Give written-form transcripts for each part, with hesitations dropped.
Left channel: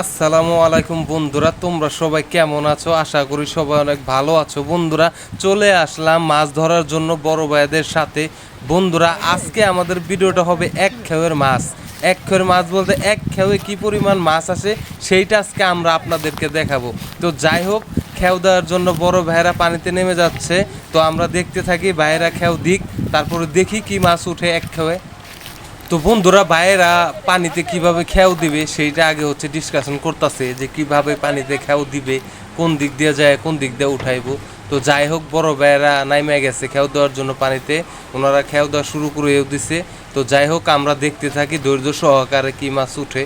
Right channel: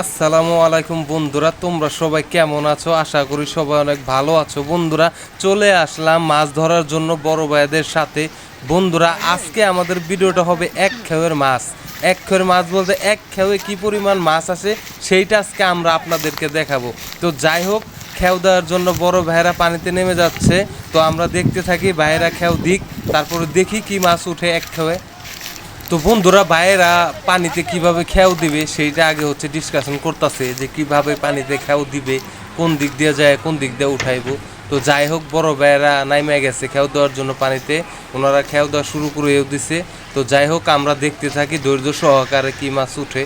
আসসালামু আলাইকুম বন্ধুরা, তোমরা সবাই কেমন আছো? আশা করি সবাই অনেক ভালো আছো। বন্ধুরা, চলে আসলাম মাছ ধরার জন্য বড় ভাইদের সাথে। বন্ধুরা, আজকে আমাদের ভিডিওটা হবে এক খেয়ের মাছ। এক খেয়ের মাছ বলতে এক খেয়ে কী পরিমাণ মাছ আসে সেইটা আজকে আমরা আপনাদেরকে দেখাবো। তো যাই হোক, খেও দেওয়ার জন্য বড় ভাইয়েরা পানিতে নেমে যাচ্ছে। তো আমরা দেখতে থাকি, ভাইয়েরা খেও দিক, তারপরে দেখি কি মাছ উঠে এক খেয়ে। তো বন্ধুরা, ভাইয়েরা পানিতে কিভাবে খেয়াও দিবে সেইটা আগে হচ্ছে ডিসকাশন করতেছে, যে কিভাবে পানিতে খেয়াও দিবে, কোন দিক দিয়ে যায়, কোন দিক দিয়ে উঠাইবো। তো যাই হোক, বড় ভাইয়েরা নাইমে গেছে খেয়াও দেওয়ার জন্য পানিতে। ওনারা খেয়াও দেওয়া শুরু করেও দিছে। তো যাই হোক, আমরা দেখতে থাকি ধৈর্য সহকারে কি মাছ উঠে।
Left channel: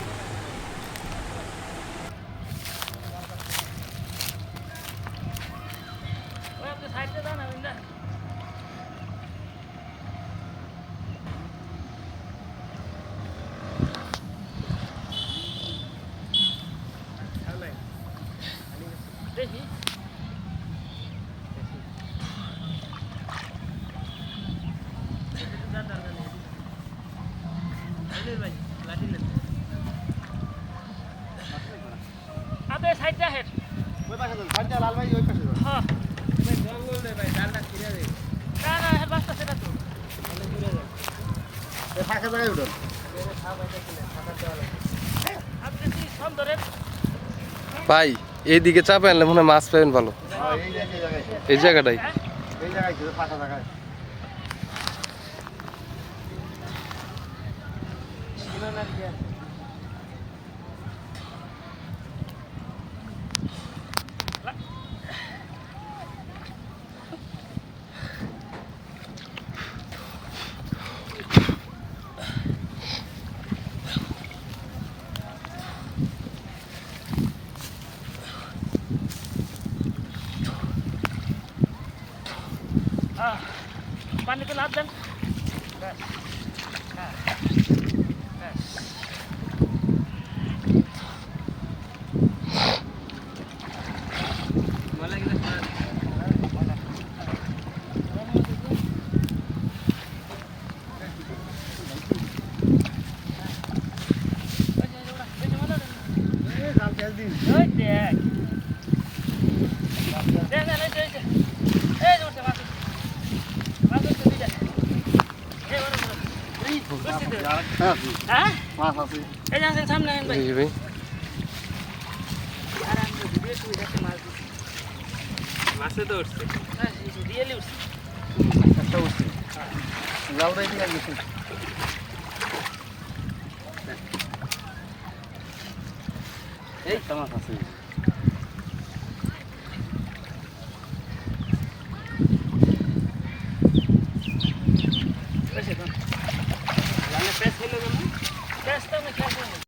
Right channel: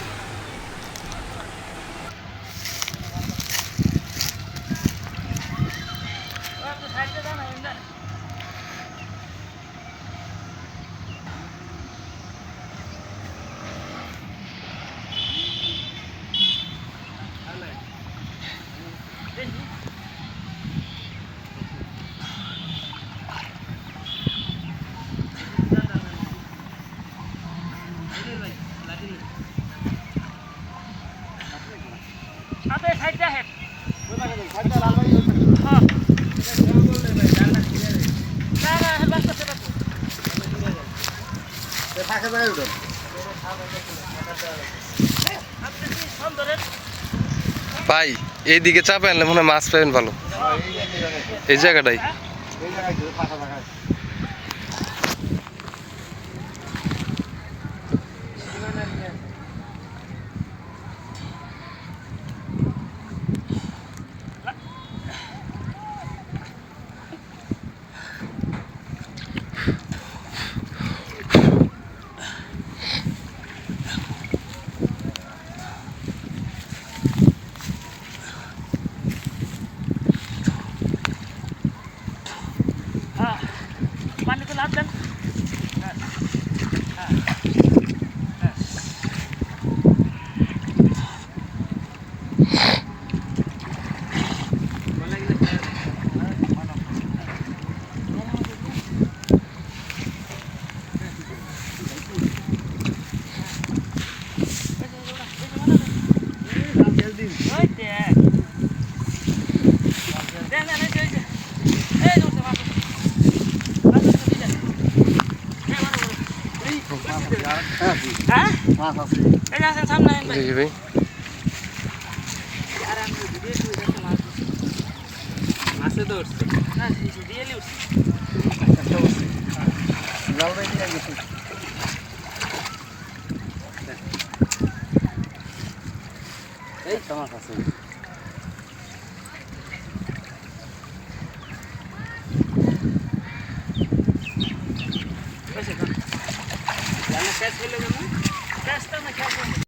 ভাই, এইদিকে চাপে আনলে মনে হয় মাছ পাবেন ভালো। এই জায়গাটাই পানি তো লাভ দেন। জি জি ভাই। মাছে তো উঠছে, রিয়েলি উঠছে। এই তো মাছ আছে। कैसे तो जाने कैसे ले जाना कैसे तो मैं कैसे